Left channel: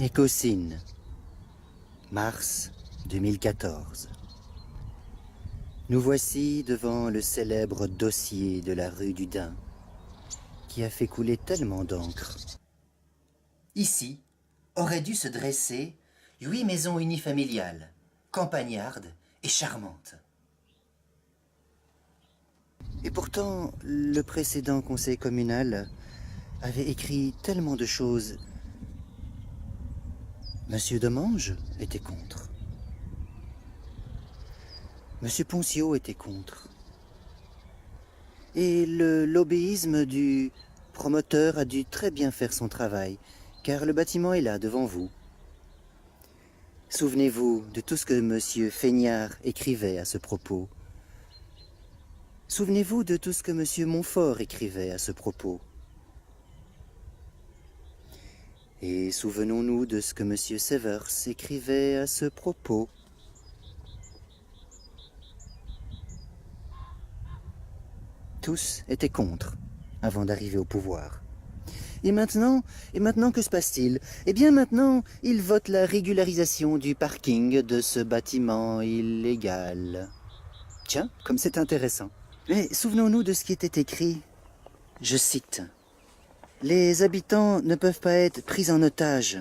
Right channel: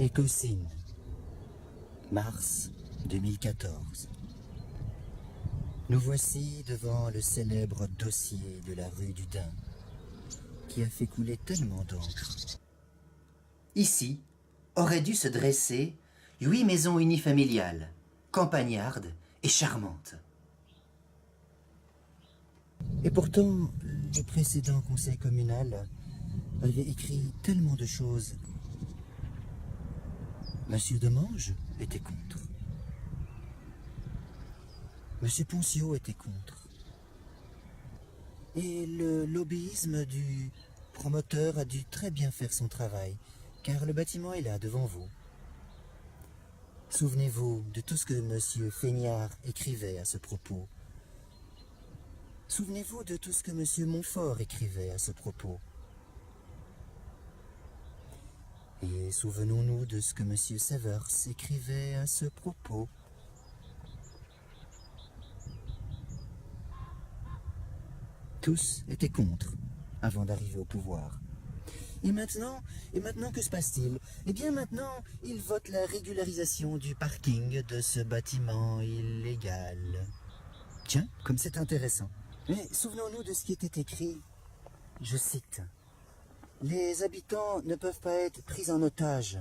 Écossyne, mars 2014. Nous voici devant le célèbre dossier de la rue du Dain, qui a fait couler tellement d'encre. Ici auraient dû se dresser 8 maisons unifamiliales, campagnardes et charmantes. Et pourtant, le précédent conseil communal avait écrit tellement de choses. Monsieur Demange était contre. Monsieur Poncio était contre. Et le lobbyisme du promoteur a dû très bien faire son travail, car le bâtiment est là, devant vous. Souvenez-vous de tout ce que monsieur Feignard écrivait à ce propos. Souvenez-vous de tout ce que monsieur Montfort écrivait à ce propos. Et souvenons-nous de ce que monsieur Severs écrivait à ce propos. Tous étaient contre, avant d'arriver au pouvoir. Et maintenant que se passe-t-il? Eh bien maintenant, ils votent la régularisation du parking de ce bâtiment illégal. Tiens, comme c'est intéressant. Mais souvenons-nous de ce qui était écrit. Je cite. « Les habitants ne peuvent pas être pris en otage. »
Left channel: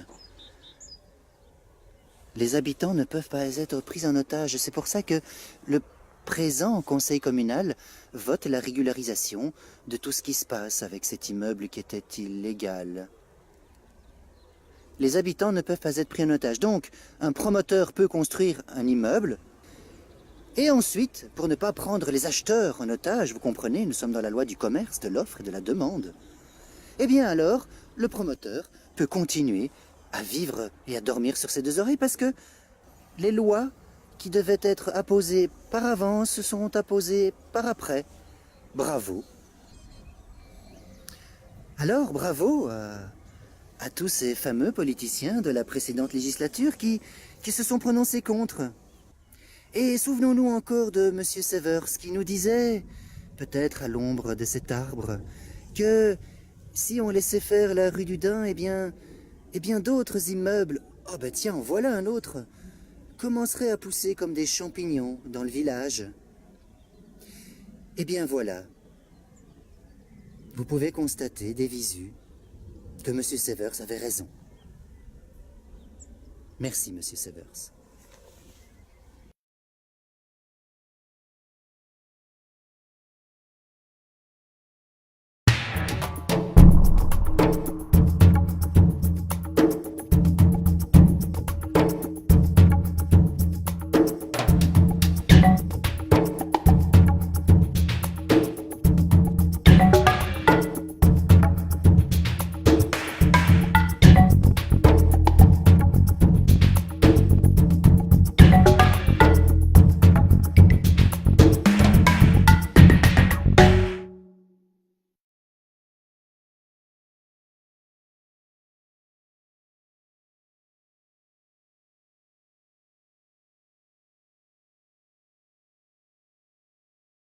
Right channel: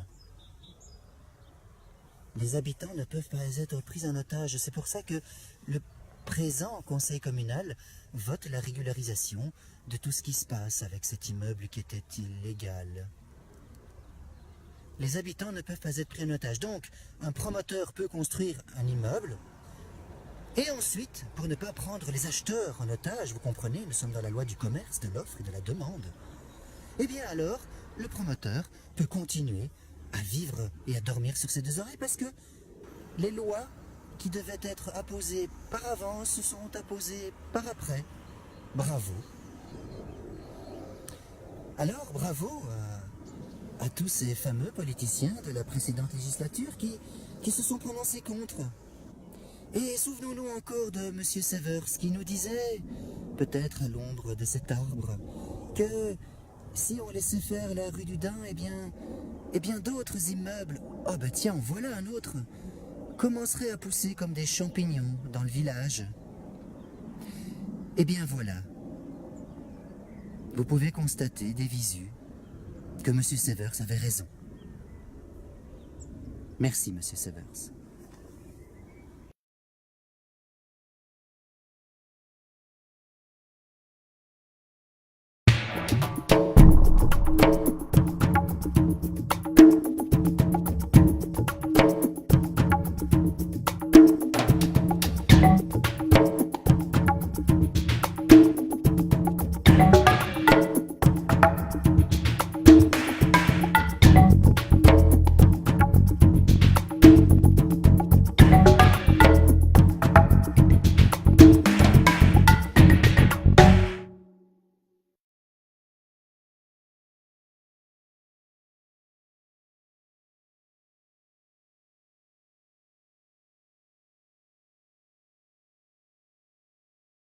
Les habitants ne peuvent pas être pris en otage. C'est pour ça que le présent conseil communal vote la régularisation de tout ce qui se passe avec cet immeuble qui était illégal. Les habitants ne peuvent pas être pris en otage. Donc, un promoteur peut construire un immeuble et ensuite, pour ne pas prendre les acheteurs en otage, vous comprenez, nous sommes dans la loi du commerce, de l'offre et de la demande. Eh bien alors, le promoteur peut continuer à vivre et à dormir sur ses deux oreilles parce que les lois qui devaient être apposées par avance sont apposées par après. Bravo. Alors, bravo à tous ces fameux politiciens de la précédente législature qui se sont prononcés contre. Et souvenons-nous encore de M. Severs qui nous disait, peut-être à l'ombre de cet arbre, que si on laissait faire la rue du Dain, eh bien d'autres immeubles, oh ben tiens, voilà un autre, commenceraient à pousser comme des champignons dans le village. Eh bien voilà, vous pouvez constater des visus que M. Severs avait raison. Merci, M. Severs.